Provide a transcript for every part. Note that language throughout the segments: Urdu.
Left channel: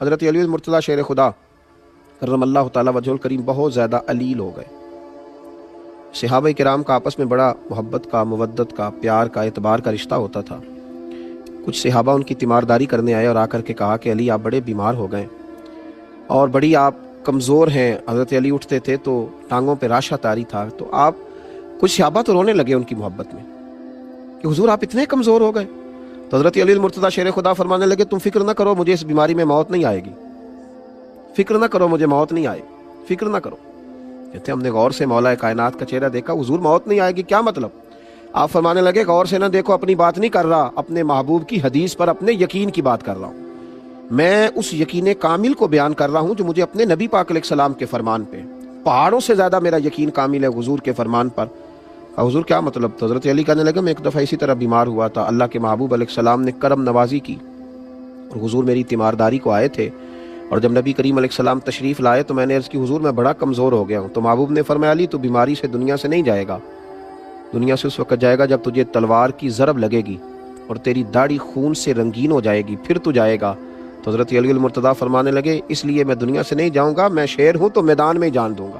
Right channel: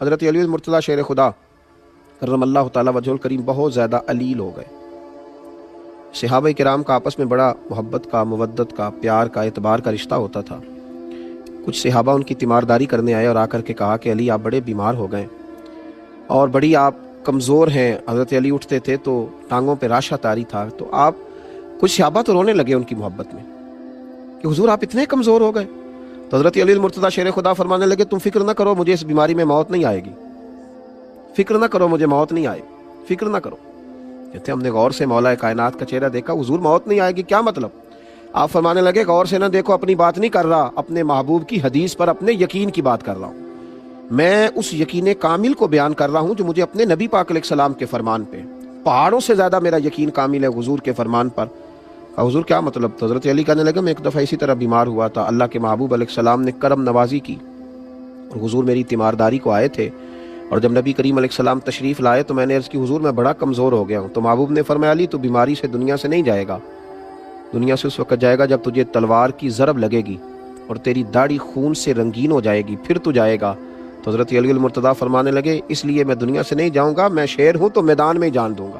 حضرت علی المرتضیٰ شیر خدا کرم اللہ تعالیٰ وجہ الکریم بہت زیادہ علیل ہو گئے۔ صحابہ کرام کا آپس میں بڑا محبت کا، مودت کا، پیار کا، اعتبار کا رشتہ ہوتا تھا۔ کچھ صحابہ ان کی تیمارداری کرنے آئے اور آ کر کے کہا کہ علی آپ بڑے بیمار ہو گئے اور بڑی آپ کمزور ہیں۔ حضرت علی اٹھتے تھے تو ٹانگوں پہ راشہ طاری تھا، تو آپ کچھ صحابہ تو رونے لگے ان کی محبت میں کہ حضور آپ اتنے کمزور ہو گئے۔ تو حضرت علی المرتضیٰ شیر خدا فرمانے لگے تم فکر نہ کرو، مجھے اس بیماری میں موت نہیں آئے گی، فکر نہ کرو، مجھے موت نہیں آئے گی، فکر نہ کرو۔ کہتے ہم نے غور سے مولا کائنات کا چہرہ دیکھا، حضور موت نہیں آئے گی، کیا مطلب؟ آپ فرمانے لگے غور سے نہ دیکھو، اپنی بات نہیں کر رہا، اپنے محبوب کی حدیث پر اپنے یقین کی بات کر رہا ہوں۔ میں اس یقین کامل کو بیان کر رہا ہوں جو مجھے اپنے نبی پاک علیہ السلام کے فرمان پہ، پہاڑوں سے زیادہ میرا یقین کامل ہے حضور کے فرمان پر۔ حضور کیا مطلب؟ تو حضرت علی کہنے لگا میں ایک دفعہ اسی طرح بیمار ہوا تھا، اللہ کے محبوب علیہ السلام نے کرم نوازی کی اور حضور میری تیمارداری کو آئے تھے، اور جب نبی کریم علیہ السلام تشریف لائے تو میں نے عرض کی حضور میں بڑا کمزور ہو گیا ہوں۔ تو محبوب نے فرمایا علی تو بیماری سے دنیا سے نہیں جائے گا، دنیا سے اس وقت جائے گا جب تجھے تلوار کی ضرب لگے گی اور تیری داڑھی خون سے رنگین ہو جائے گی، پھر تو جائے گا۔ تو حضرت علی المرتضیٰ فرمانے لگے اس لیے میں دنیا سے نہیں جاؤں گا، میں شیر ہوں تو میدان میں ہی جان دوں گا،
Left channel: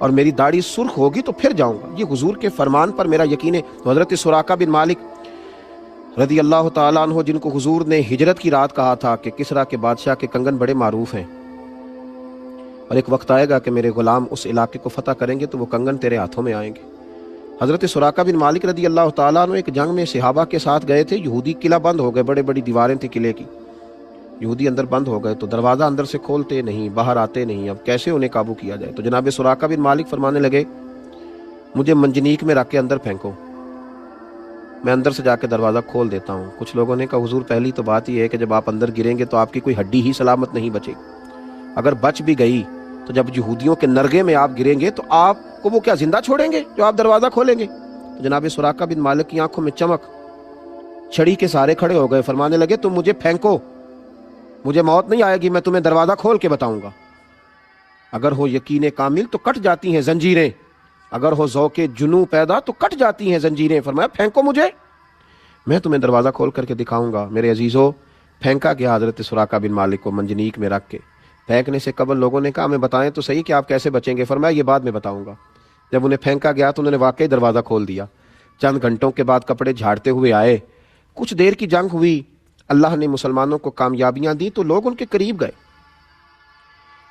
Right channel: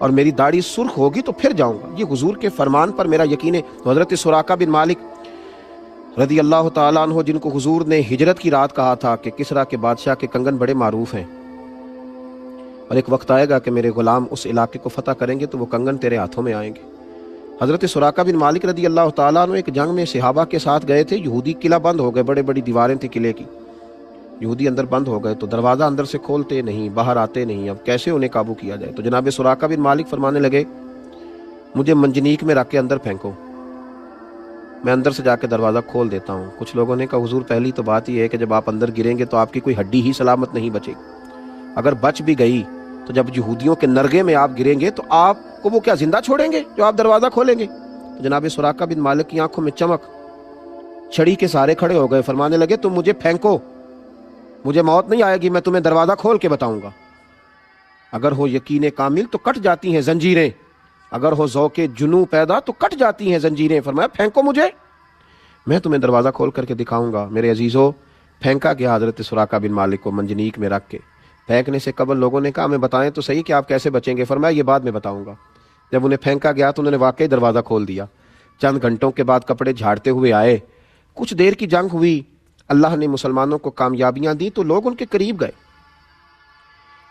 اور میری داڑھی سرخ ہوگی تو پھر جاؤں گا۔ یہ حضور کے فرمان پر میرا یقین ہے۔ تو حضرت سراقہ بن مالک رضی اللہ تعالیٰ عنہ، جن کو حضور نے ہجرت کی رات کہا تھا کہ کسریٰ کے بادشاہ کے کنگن بڑے معروف ہیں اور ایک وقت آئے گا کہ میرے غلام اس علاقے کو فتح کریں گے تو وہ کنگن تیرے ہاتھوں میں آئیں گے۔ حضرت سراقہ بن مالک رضی اللہ تعالیٰ عنہ ایک جنگ میں صحابہ کے ساتھ گئے تھے، یہودی قلعہ بند ہو گئے، بڑے بڑی دیواریں تھیں قلعے کی، یہودی اندر بند ہو گئے، تو دروازہ اندر سے کھولتے نہیں، باہر آتے نہیں، اب کیسے انہیں قابو کیا جائے؟ تو جناب سراقہ بن مالک فرمانے لگے مجھے منجنیق میں رکھ کے اندر پھینکو، میں اندر سے جا کے دروازہ کھول دیتا ہوں۔ کچھ لوگوں نے کہا حضور پہلی تو بات یہ ہے کہ جب آپ اندر گریں گے تو آپ کی کوئی ہڈی ہی سلامت نہیں بچے گی، اگر بچ بھی گئی تو جب یہودیوں کے نرگے میں آپ گریں گے تو آپ کو وہ کیا زندہ چھوڑیں گے جو آپ دروازہ کھولیں گے؟ تو جناب سراقہ بن مالک کی آنکھوں میں چمک، چھڑی کے سارے کھڑے ہو گئے، فرمانے لگے تم مجھے پھینکو، مجھے موت نہیں آئے گی، میں تمہیں دروازہ کھول کے بتاؤں گا۔ اگر ہو یقین کامل تو کٹ جاتی ہیں زنجیریں، اگر ہو ذوق جنوں پیدا تو کٹ جاتی ہیں زنجیریں۔ فرمایا پھینکو مجھے، میں تمہیں دروازہ کھول کر کے دکھاؤں گا۔ میرے عزیزو، پھینکا گیا حضرت سراقہ بن مالک کو منجنیق میں رکھ کے۔ پھینکنے سے قبل لوگوں نے کہا ہمیں بتائیں تو صحیح کہ آپ کیسے بچیں گے؟ فرمایا یہ بعد میں بتاؤں گا۔ جب انہیں پھینکا گیا تو انہوں نے واقعی دروازہ کھول دیا۔ چند گھنٹوں کے بعد کپڑے جھاڑتے ہوئے آئے، کچھ دیر کی جنگ ہوئی، اللہ نے مسلمانوں کو کامیابیاں دی تو لوگ ان کے قریب گئے،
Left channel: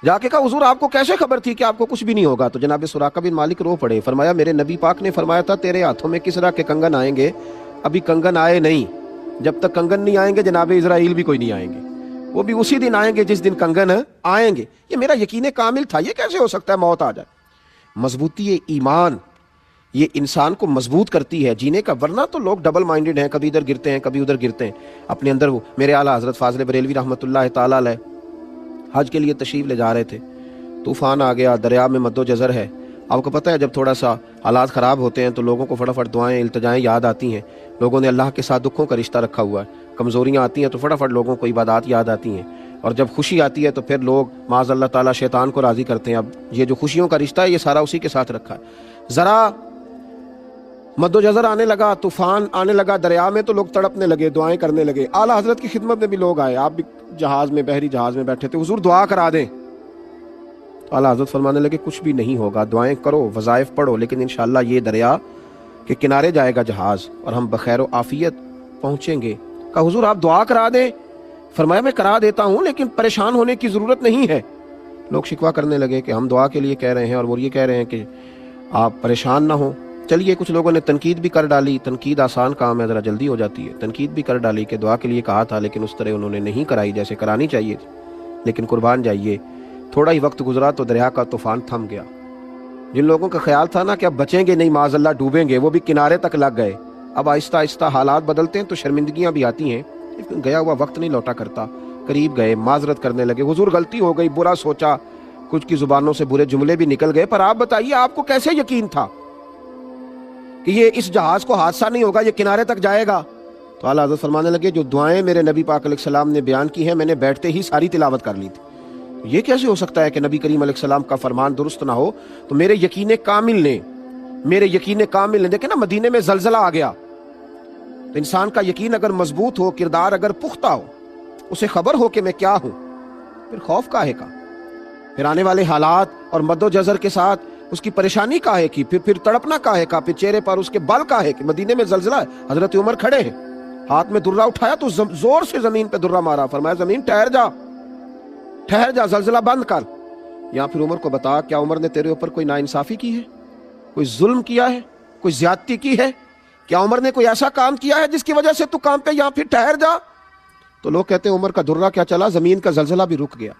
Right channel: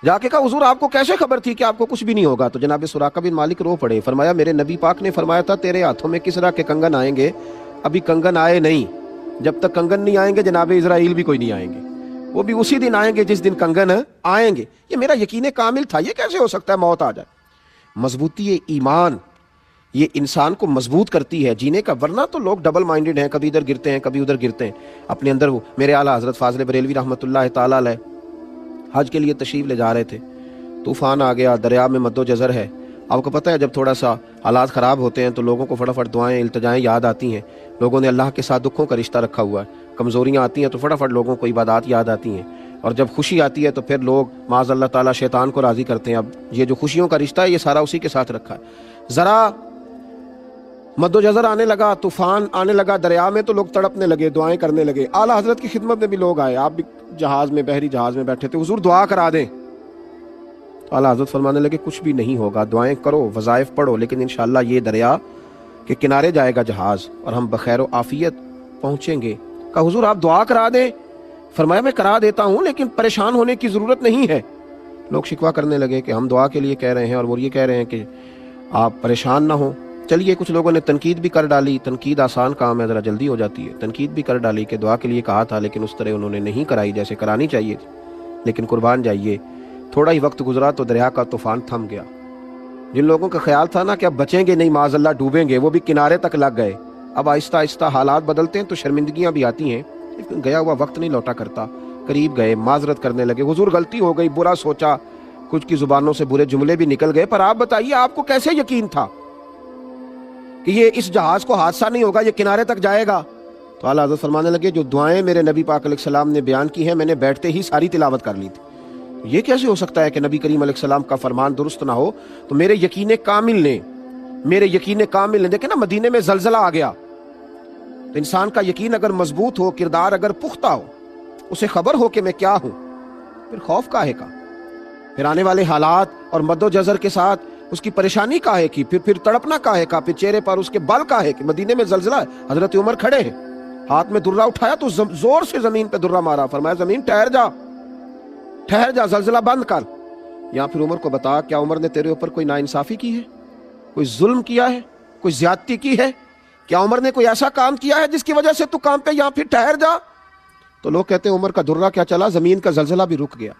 جا کے کہا حضور آپ کو کیسے خبر تھی کہ آپ کو کچھ بھی نہیں ہوگا؟ تو جناب سراقہ بن مالک رو پڑے، فرمایا میرے نبی پاک نے فرمایا تھا تیرے ہاتھوں میں کسریٰ کے کنگن آئیں گے، ابھی کنگن آئے نہیں، جب تک کنگن نہیں آئیں گے جناب اسرائیل بھی کوئی نہیں آئیں گے، وہ بھی اسی دن آئیں گے جس دن کنگن آئیں گے۔ یہ میرا یقین کامل تھا، یہ کیسے ہو سکتا ہے موت آ جائے؟ مضبوطی ایمان یہ انسان کو مضبوط کرتی ہے جینے کا، ورنہ تو لوگ ڈبل مائنڈڈ ہیں، کبھی ادھر گرتے ہیں کبھی ادھر گرتے ہیں اپنے اندر۔ وہ میرے اعلیٰ حضرت فاضل بریلوی رحمۃ اللہ تعالیٰ علیہ حج کے لیے تشریف لے جا رہے تھے، طوفان آ گیا، دریا میں مد و جزر ہے۔ آپ کو پتہ ہے جب تھوڑا سا حالات خراب ہوتے ہیں تو لوگوں کو فٹافٹ دعائیں التجائیں یاد آتی ہیں، لوگوں نے اللہ کے ساتھ دکھوں کا رشتہ رکھا ہوا ہے، کمزوریاں آتی ہیں تو فٹافٹ لوگوں کو عبادات یاد آتی ہیں، اور جب خوشی آتی ہے تو پھر لوگ معاذ اللہ تعالیٰ شیطان کو راضی کرتے ہیں۔ اب یہ جو خوشیوں کا رشتہ ہے یہ سارا اسی کے ساتھ رکھا ہے۔ ذرا مد و جزر آنے لگا، طوفان آنے لگا دریا میں تو لوگ تڑپنے لگے، دعائیں کرنے لگے۔ اعلیٰ حضرت کی خدمت میں بھی لوگ آئے، آپ بھی جہاز میں، بحری جہاز میں بیٹھے تھے، حضور دعا کرا دے۔ اعلیٰ حضرت فرمانے لگے کچھ بھی نہیں ہوگا، دعائیں کرو، وظائف پڑھو، لیکن انشاءاللہ یہ دریا کے کنارے جائے گا جہاز اور ہم بخیر و عافیت پہنچیں گے۔ کہا حضور آپ دعا کرا دیں۔ فرمایا میں کرا دیتا ہوں لیکن پریشان ہونے کی ضرورت نہیں ہے۔ لوگ شکوہ کرنے لگے کہ ہم دعا کے لیے کہہ رہے ہیں اور وہ یہ کہہ رہے ہیں کہ آپ پریشان نہ ہوں۔ چلیے کچھ لوگوں نے تنقید بھی کر ڈالی، تنقید آسان کام ہے، ذرا جلدی ہو جاتی ہے، تنقید بھی کر ڈالی کہ دعا کے لیے کہا تھا لیکن اس طرح انہوں نے نہیں کرائی جیسے کرانی چاہیے تھی۔ لیکن قربان جائیے تھوڑا ہی وقت گزرا تو دریا کا طوفان تھم گیا۔ جن لوگوں کا خیال تھا نا کہ اب بچیں گے نہیں، معاذ اللہ ڈوبیں گے، وہ بھی کنارے تک لگ گئے۔ اب آہستہ آہستہ حالات بدلتے ہیں تو شرمندگیاں بھی آتی ہیں، لیکن گیا ہوا وقت نہیں لوٹا کرتا۔ قریب گئے، معذرت کرنے لگے، حضور غلطی ہو گئی، برا سوچا، کچھ کی زبانوں سے برے جملے بھی نکل گئے، پر آپ بتائیے آپ کو کیسے یقین تھا کہ یہ اس جہاز کو حادثہ نہیں ہوگا، یہ کنارے تک جائے گا؟ تو اعلیٰ حضرت فرمانے لگے جو دعائیں میرے نبی پاک علیہ السلام نے بیان کی ہیں میں نے بیٹھتے ہی ساری تلاوت کر لی تھی۔ یہ کیسے ہو سکتا ہے کہ نبی کریم علیہ السلام کا فرمان درست نہ ہو؟ تو میرے یقین کامل نے دیکھیں نا، مدینے میں زلزلہ آ گیا تو انسان کا یقین اگر مضبوط ہو، کردار اگر پختہ ہو، اسے خبر ہو کہ میں کیا ہوں، پھر خوف کاہے کا؟ پھر آنے والے حالات اور مد و جزر کے ساتھ اس کی پریشانی کاہے کی؟ پھر تڑپنا کاہے کا؟ پھر چہرے پر اس کے بل کاہے کی؟ مدینے میں زلزلہ ہے، حضرت عمر کھڑے ہیں، ہاتھ میں درہ اٹھایا تو زور سے زمین پہ درہ مارا، فرمایا زمین ٹھہر جا، ٹھہر جا، زلزلہ بند کر۔ یا پھر عمر کو بتا، کیا عمر نے تیرے اوپر کوئی ناانصافی کی ہے، کوئی ظلم کیا ہے، کوئی زیادتی کی ہے؟ کیا عمر نے کوئی ایسا کام کیا ہے جس کی وجہ سے تو کام پہ یا پھر ٹھہر جا؟ تو لوگ کہتے ہیں عمر کا درہ کیا چلا، زمین کا زلزلہ بھی رک گیا۔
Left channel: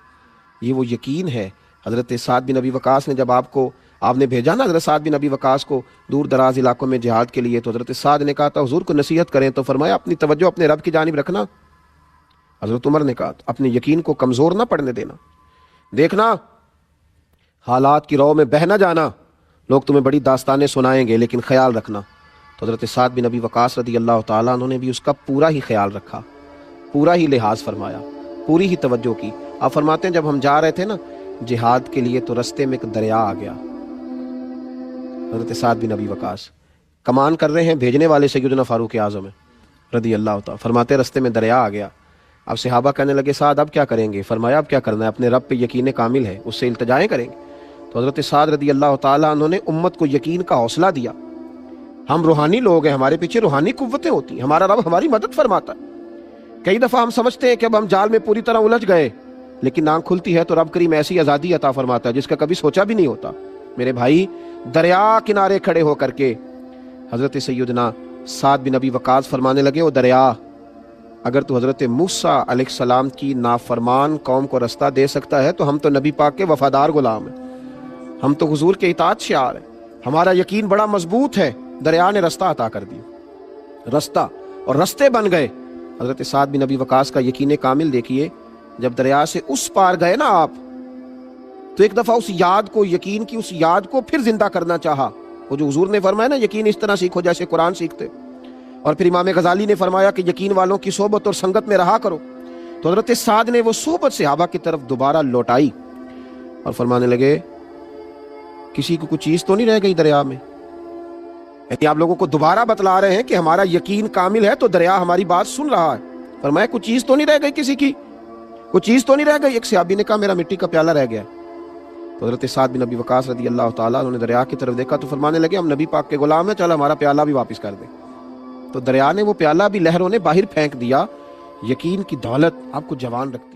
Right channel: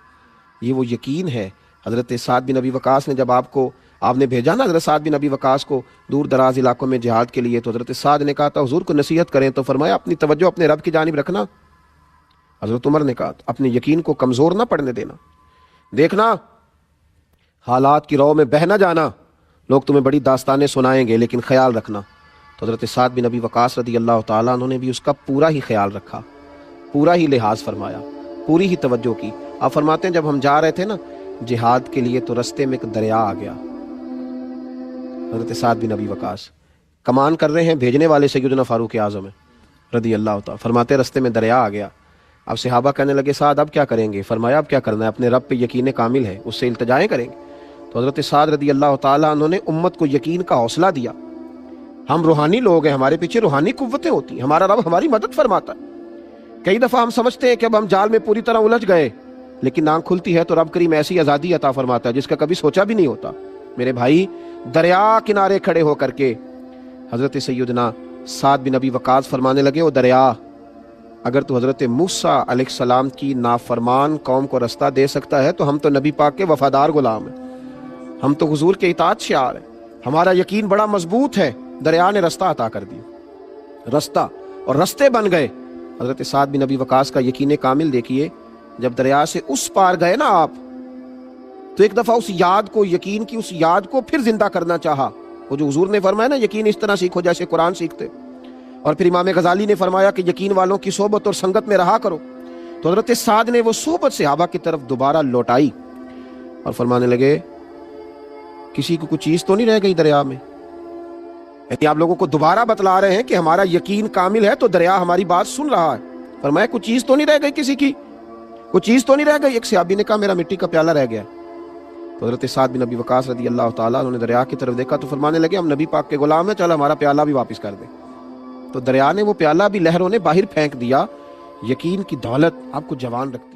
یہ وہ یقین ہے۔ حضرت سعد بن ابی وقاص نے جب آپ نے بھیجا نا حضرت سعد بن ابی وقاص کو دور دراز علاقوں میں جہاد کے لیے، تو حضرت سعد نے کہا تھا حضور کو نصیحت کریں، تو فرمایا اپنی توجہ اپنے رب کی جانب رکھنا۔ حضرت عمر نے کہا اپنے یقین کو کمزور نہ پڑنے دینا، دیکھنا حالات کی رو میں بہ نہ جانا، لوگ تمہیں بڑی داستانیں سنائیں گے لیکن خیال رکھنا۔ تو حضرت سعد بن ابی وقاص رضی اللہ تعالیٰ عنہ نے بھی اس کا پورا ہی خیال رکھا، پورا ہی لحاظ فرمایا، پوری ہی توجہ کی۔ آپ فرماتے ہیں جب ہم جا رہے تھے نا جہاد کے لیے تو رستے میں ایک دریا آ گیا۔ حضرت سعد بن ابی وقاص کمان کر رہے ہیں، بھیجنے والے سیدنا فاروق اعظم ہے رضی اللہ تعالیٰ، فرماتے رستے میں دریا آ گیا۔ اب صحابہ کہنے لگے سعد اب کیا کریں گے؟ فرمایا اب کیا کرنا ہے، اپنے رب پہ یقین کامل ہے، اس سے التجائیں کریں گے۔ تو حضرت سعد رضی اللہ تعالیٰ عنہ نے امت کو یقین کا حوصلہ دیا، ہم روحانی لوگ ہیں، ہمارے پیچھے روحانی قوتیں ہوتی ہیں، ہمارا رب ہماری مدد فرماتا ہے۔ کئی دفعہ ہم سمجھتے ہیں کہ اب ہم جال میں پوری طرح الجھ گئے، لیکن آنکھ کھلتی ہے تو رب کریم ایسی آزادی عطا فرماتا ہے جس کا کبھی سوچا بھی نہیں ہوتا۔ میرے بھائی دریا کنارے کھڑے ہو کر کے حضرت سیدنا سعد بن ابی وقاص فرمانے لگے وہ دریا اگر تو حضرت موسیٰ علیہ السلام کی نافرمان قوم کو رستہ دے سکتا ہے تو ہم تو نبی پاک کے وفادار غلام ہیں، ہم تو حضور کے اطاعت شعار ہیں، ہمارا یقین بڑا مضبوط ہے۔ دریا نے رستہ عطا کر دیا، رستہ اور رستے بن گئے۔ حضرت سعد بن ابی وقاص کا یقین کامل دیکھیے، جب دریا سے اس پار گئے نا آپ تو ایک دفعہ اس یاد کو، یقین کی اس یاد کو پھر زندہ کرنا چاہا، وہ جو حضور نے فرمایا نا یقین اس طرح سیکھو جیسے قرآن سیکھتے، اور پھر امام غزالی نے فرمایا کہ یقین والوں کی صحبت اور سنگت میں رہا کرو۔ تو حضرت سعد نے وہ صحبت صحابہ کی طرف دوبارہ لوٹائی اور فرمانے لگے کسی کو کچھ چیز تو نہیں رہ گئی دریا میں؟ یعنی آپ لوگوں کو دوبارہ بتلا رہے ہیں کہ ہمارا یقین کامل ہے تو دریا ہماری بات سن رہا ہے۔ فرمایا کچھ چیز تو نہیں رہ گئی، کسی کی کچھ چیز تو نہیں رہ گئی؟ ایک صحابی نے کہا میرا مٹی کا پیالہ رہ گیا۔ تو حضرت سعد بن ابی وقاص رضی اللہ تعالیٰ انہوں نے دریا کی طرف دیکھا تو فرمانے لگے ہم نبی پاک کے غلام ہیں، چل ہمارا پیالہ بھی واپس کر دے۔ تو دریا نے وہ پیالہ بھی لہروں نے باہر پھینک دیا۔ یقین کی دولت آپ کو جوان رکھتی